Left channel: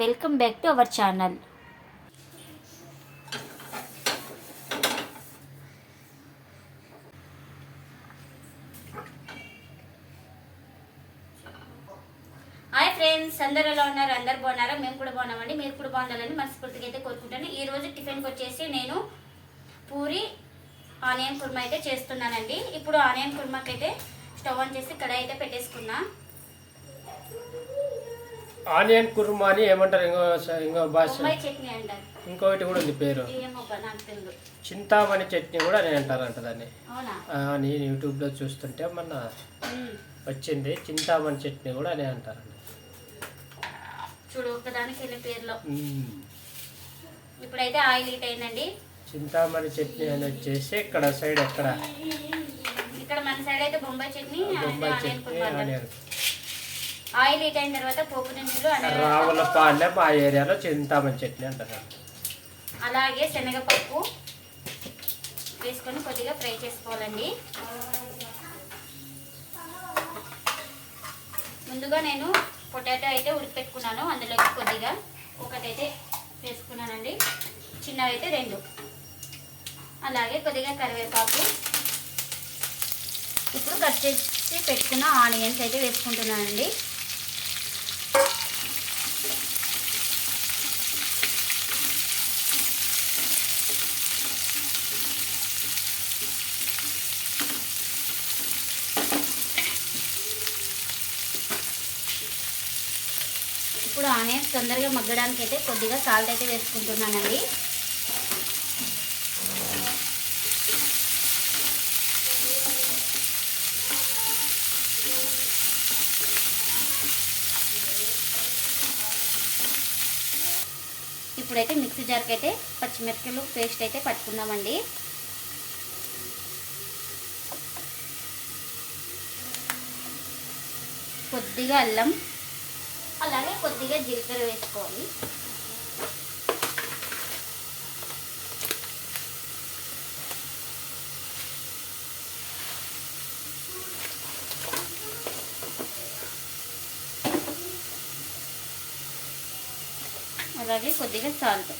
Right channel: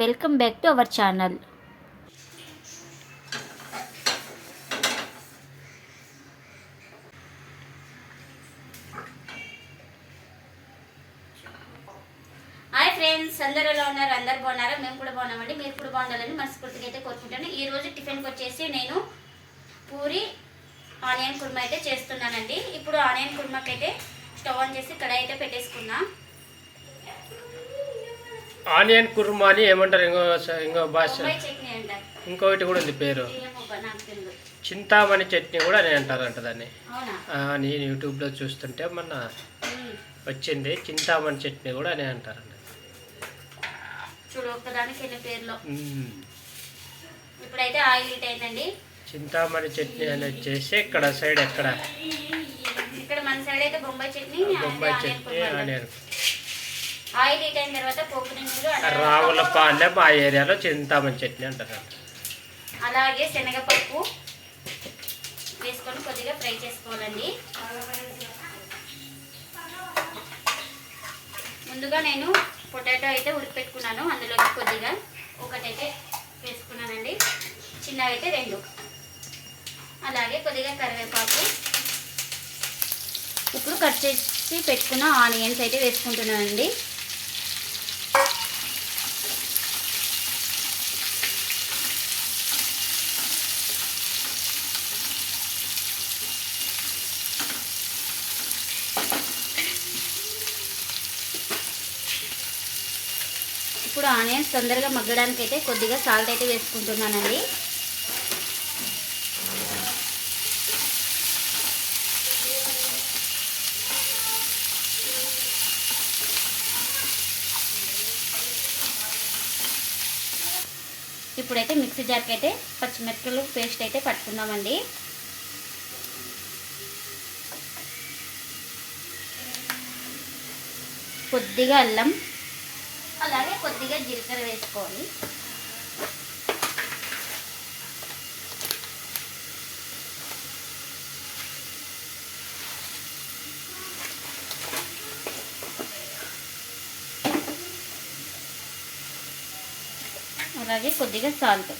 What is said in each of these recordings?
Welcome back to our channel. Hi friends అందరూ ఎలా ఉన్నారు? అందరు బాగున్నారా? మేము కూడా బాగున్నామండి. మీరు కూడా బాగుండాలని మనస్ఫూర్తిగా అయితే కోరుకుంటాను ఈ రోజు టిఫిన్కి వచ్చేసి నేను పూరి ఆనియన్ కుర్మా అయితే చేస్తున్నానండి. ఇప్పుడు ఆనియన్ కుర్మాకి అయితే స్టవ్ ఆన్ చేసి కడాయి అయితే పెట్టేసుకున్నాను ఆనియన్ కుర్మా అని ఏమంటారు? ఇంకో ఇంకో భాష. ఇంకొకటి కూడా ఉంది పేరు. చింతామణి చట్నీ కూడా అని అంటారంట దాన్ని. నేను యూట్యూబ్లో చూస్తుంటే మొన్న. వచ్చింది. చింతామణి చట్నీ కూడా అని. ఇప్పుడైతే ఆయిల్ హీట్ అయిందండి. చింతామణి చట్నీ అని వచ్చేసి ఇక్కడ సైడ్ ఎక్కడ? ఇక్కడ మన సైడ్ అయితే Bombay chutney Bombay chutney. Onion. Oil heat అయిన తర్వాత పోపు దినుసులు అన్ని రావులపాలెం ఆ ఏరియాలో చింతామణి చట్నీ అంటారు. అలాగే శనగపప్పు వేసుకొని కొద్దిగా ఫ్రై చేసుకోవాలండి. ముందుగా నేను పొటాటో అయితే ఉడికిపెట్టుకున్నాను. అందులోకి కొద్దిగా ఒకటైతే వేసుకున్నానండి. చిన్నవి అయితే రెండు. అలాగే కొద్దిగా కరివేపాకు. ఇప్పుడు కట్ చేసి పెట్టుకున్న ఆనియన్స్ అయితే వేసుకుంటున్నానండి. ఆనియన్స్ తొందరగా మగ్గడానికి అయితే కొద్దిగా సాల్ట్ అయితే వేసుకుంటున్నానండి. ఇప్పుడైతే మిక్సీ జార్కి అయితే పచ్చిమిరపకాయలు పేస్ట్ అయితే పట్టుకుందామండి. కొద్దిగా అల్లం అలాగే కొద్దిగా జీలకర్ర వేసుకోవాలి అలాగే కొద్దిగా సాల్ట్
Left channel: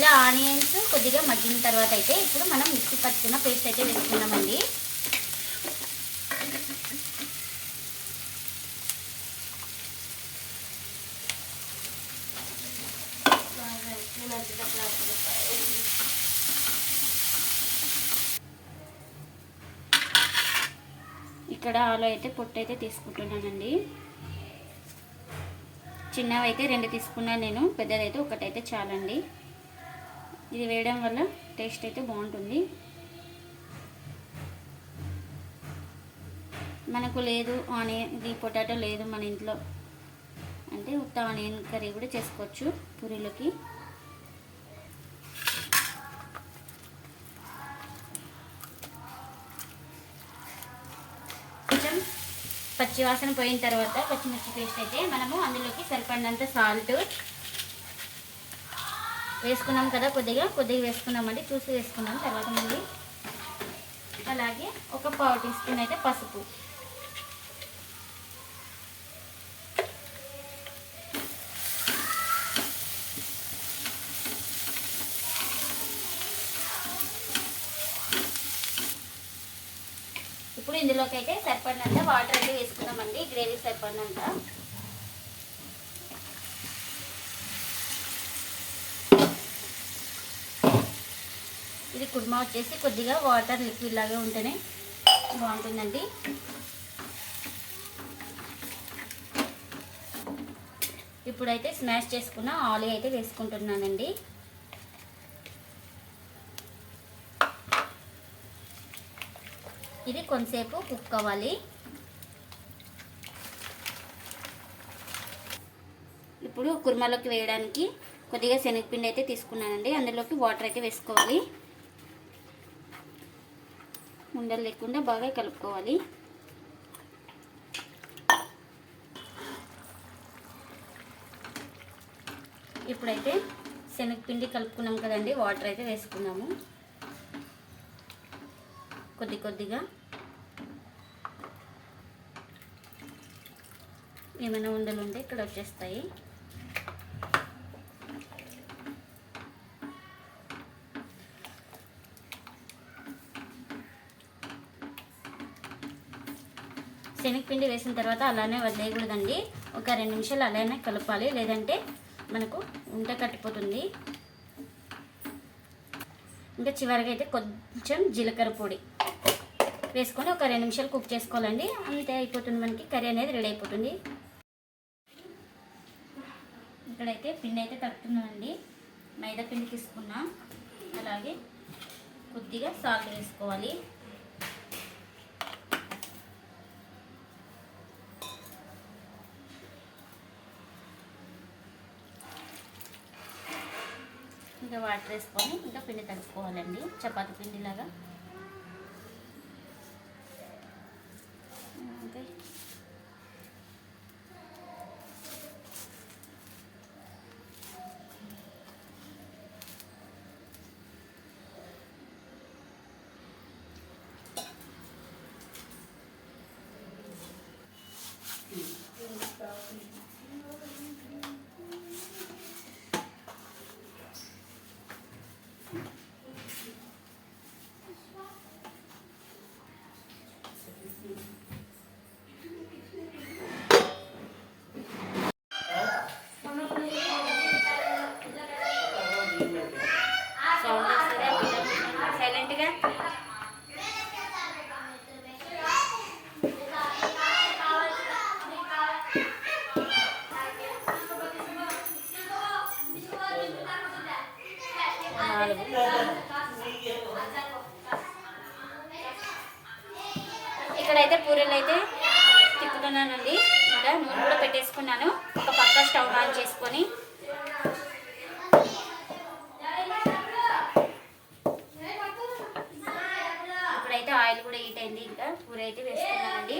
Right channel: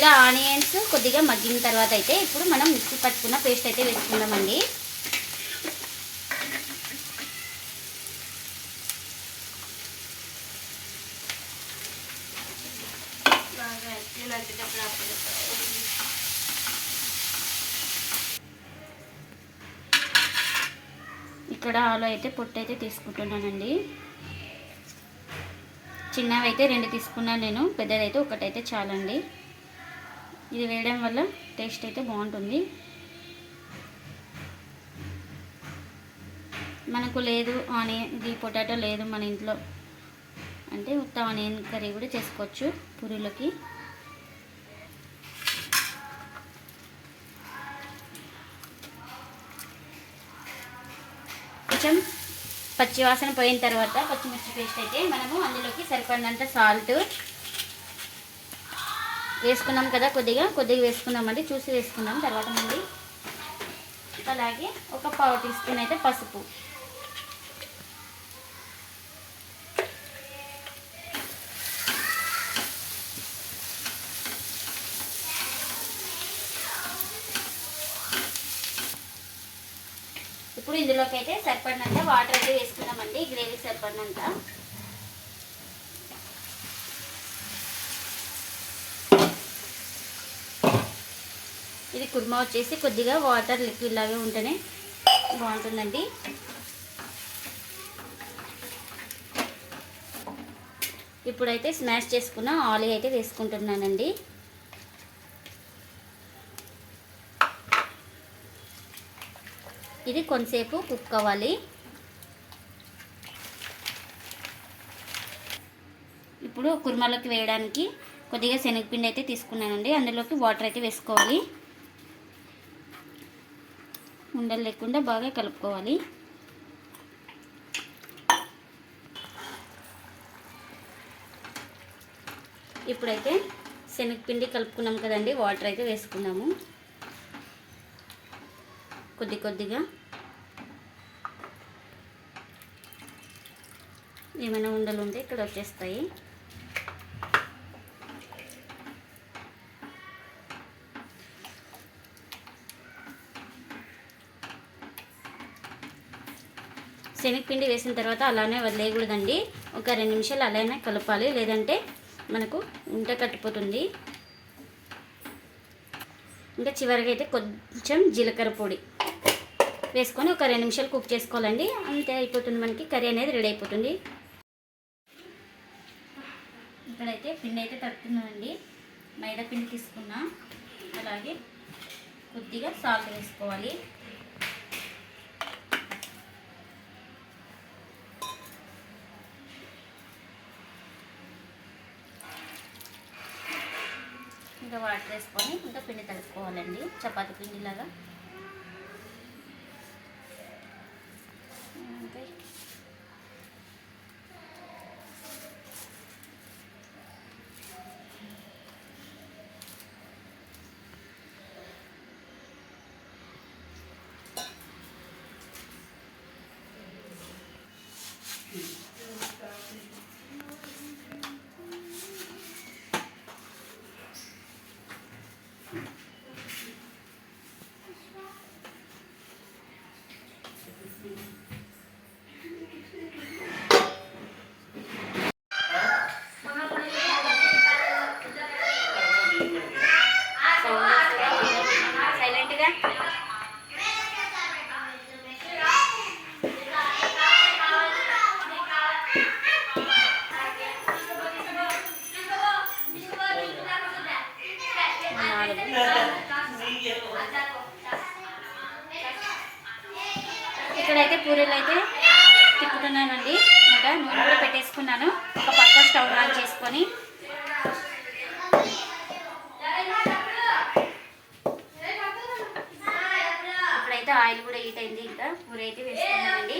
ఇలా ఆనియన్స్ కొద్దిగా మగ్గిన తర్వాత అయితే ఇప్పుడు మనం మిక్సీ పట్టుకున్న పేస్ట్ అయితే వేసుకుందామండి. ఇక్కడ ఆలో అయితే పొట్టు అయితే తీసుకుంటున్నానండి. చిన్నవి అయితే రెండు తీసుకున్నాను నేను పెద్దదైతే ఒకటైతే చాలండి. ఇది వేయడం వల్ల టేస్ట్ అయితే బాగుంటుంది. మనకు లేదు ఆనియన్ ఇది పొటాటో లేదు మన ఇంట్లో. అంటే ఉత్త ఆనియన్ కర్రీ కూడా చేసుకోవచ్చు పురులకి కొంచెం పచ్చివాసన పోయిన తర్వాత పచ్చిమిర్చి పేస్ట్ అయితే మనము అందులోకి సరిపడినంత సాల్ట్ వేసుకున్నాం కదా కొద్దిగా కొద్దిగా వేసుకున్నామండి చూసి వేసుకున్నాం తర్వాత మళ్ళీ అలాగే ఒక పావు టీ స్పూన్ అయితే పసుపు. ఇప్పుడు ఇందులోకి అయితే సరిపడినంత వాటర్ అయితే వేసుకున్నామండి గ్రేవీ సరిపడినంత. ఇది కుర్మా వచ్చేసి కొద్దిగా వాటర్ లిక్విడ్ లాగా ఉంటేనే బాగుంటుందండి. ఇప్పుడైతే స్మాష్ చేసుకున్న ఆలీ అయితే వేసుకుంటున్నానండి. ఇది కొంతసేపు కుక్ అవ్వాలి. ఇప్పుడు కుర్మాలోకి వేయడానికి కొద్దిగా శనగపిండి అయితే తీసుకున్నానండి. అందులోకి వాటర్ అయితే వేసుకోవాలి. ఉండలు లేకుండా బాగా కలుపుకోవాలి. ఇప్పుడైతే శనగపిండి కలుపుకున్నాం కదండి వాటర్ అయితే వేసుకున్నాము. కొద్ది కొద్దిగా. ఏమైనా ఉండలు ఉంటే ఇక్కడ వచ్చేస్తాయి. శనగపిండి వేసిన తర్వాత అలానే వదిలేయకూడదండి. ఒక రెండు నిమిషాలు అలానే కలపాలి. లేదంటే మనకు ఉంట కట్టిపోతుంది. ఇంకా చివరిగా అయితే కొంచెం జీలకర్ర పొడి వేసుకొని ఒక రెండు నిమిషాలు కుక్ చేసుకోవాలండి. అంతే అయిపోతుంది మనకి. కర్రీ అనేది రెడీ అయిపోతుంది. ఇక్కడైతే పిండి అయితే తడుపుతున్నానండి. మైదా పిండి తీసుకున్నా. అలాగే కొద్దిగా సాల్ట్ వేసుకోవాలి. ఇంకా వాటర్ వేసుకొని ఇంకా పిండి కలుపుకోవాలండి చపాతి పిండిలాగా ఇంకా సైలెంట్గా ఇక్కడైతే పూరీలు అయితే తిప్పుతున్నానండి. ఇంకా నూనె కూడా పెట్టేసుకున్నాను. ఒక పక్క స్టవ్ ఆన్ చేసుకొని. ఇప్పుడైతే ఆయిల్ కూడా హీట్ అయింది. ఇంకా పూరి అయితే వేసుకున్నానండి.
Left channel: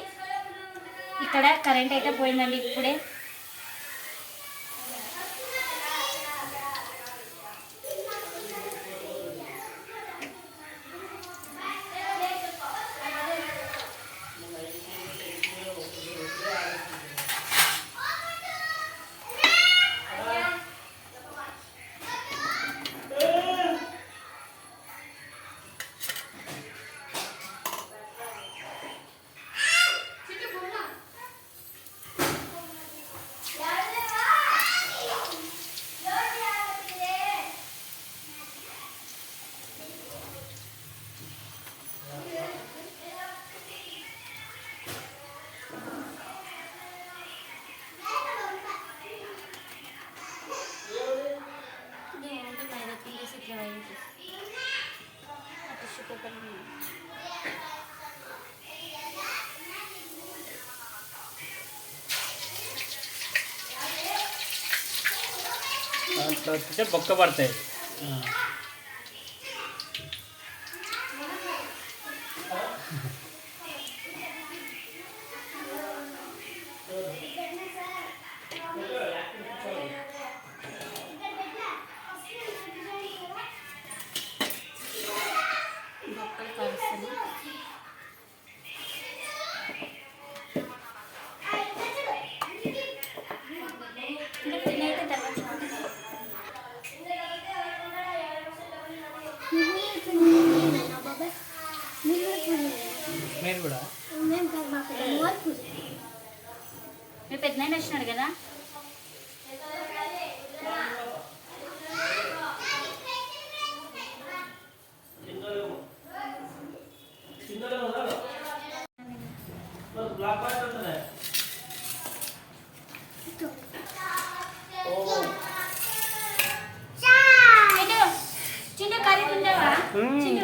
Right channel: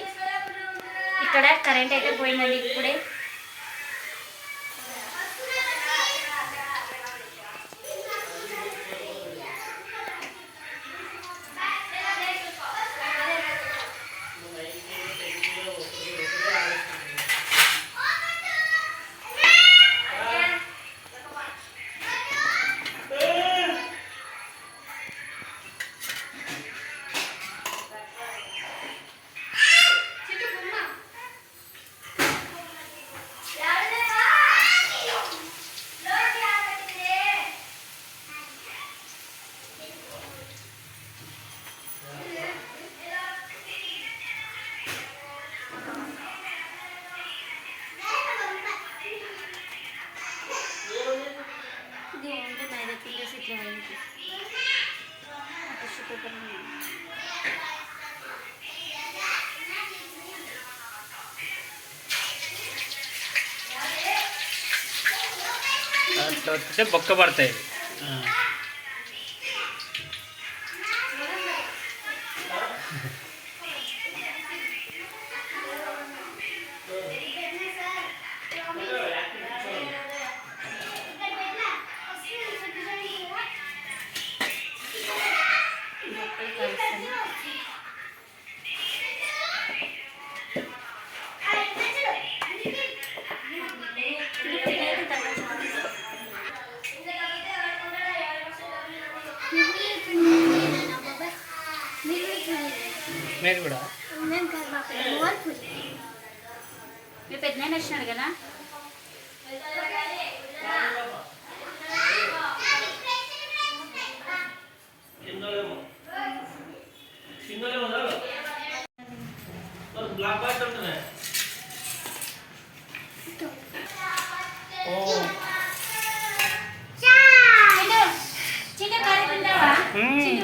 ఇక్కడ కరెంట్ అయితే పోయిందండి ఇప్పుడే. तो करनी है ಬೊಕ್ಕ ಬರ್ತಾ ಇದೆ మీరు కూడా. మీ పెద్ద వచ్చినాడు కదా?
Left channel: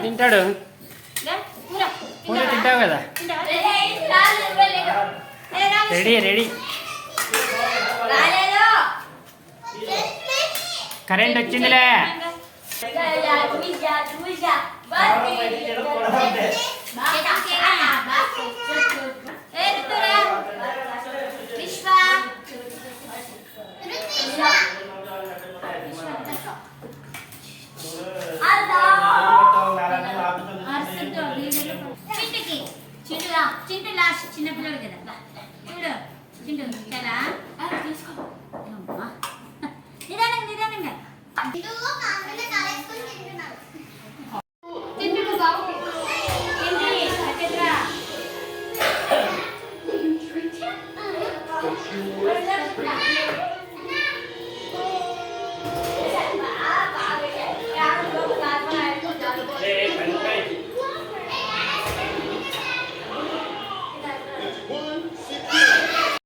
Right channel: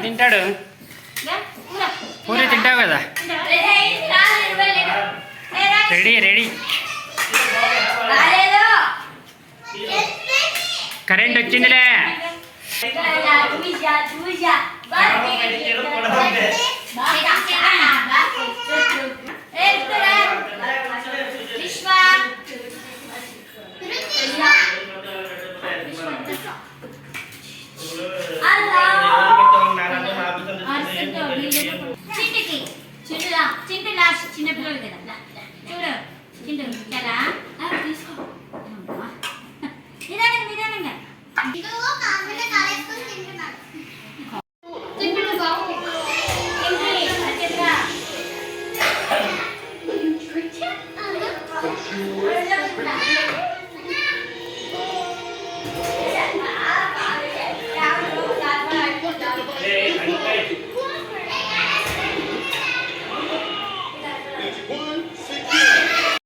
తింటాడు. పూరి తింటావు కదా తింటావా? ఏ, రా. రెడీ రెడీ కరెంట్ వచ్చిందిలే విశ్వ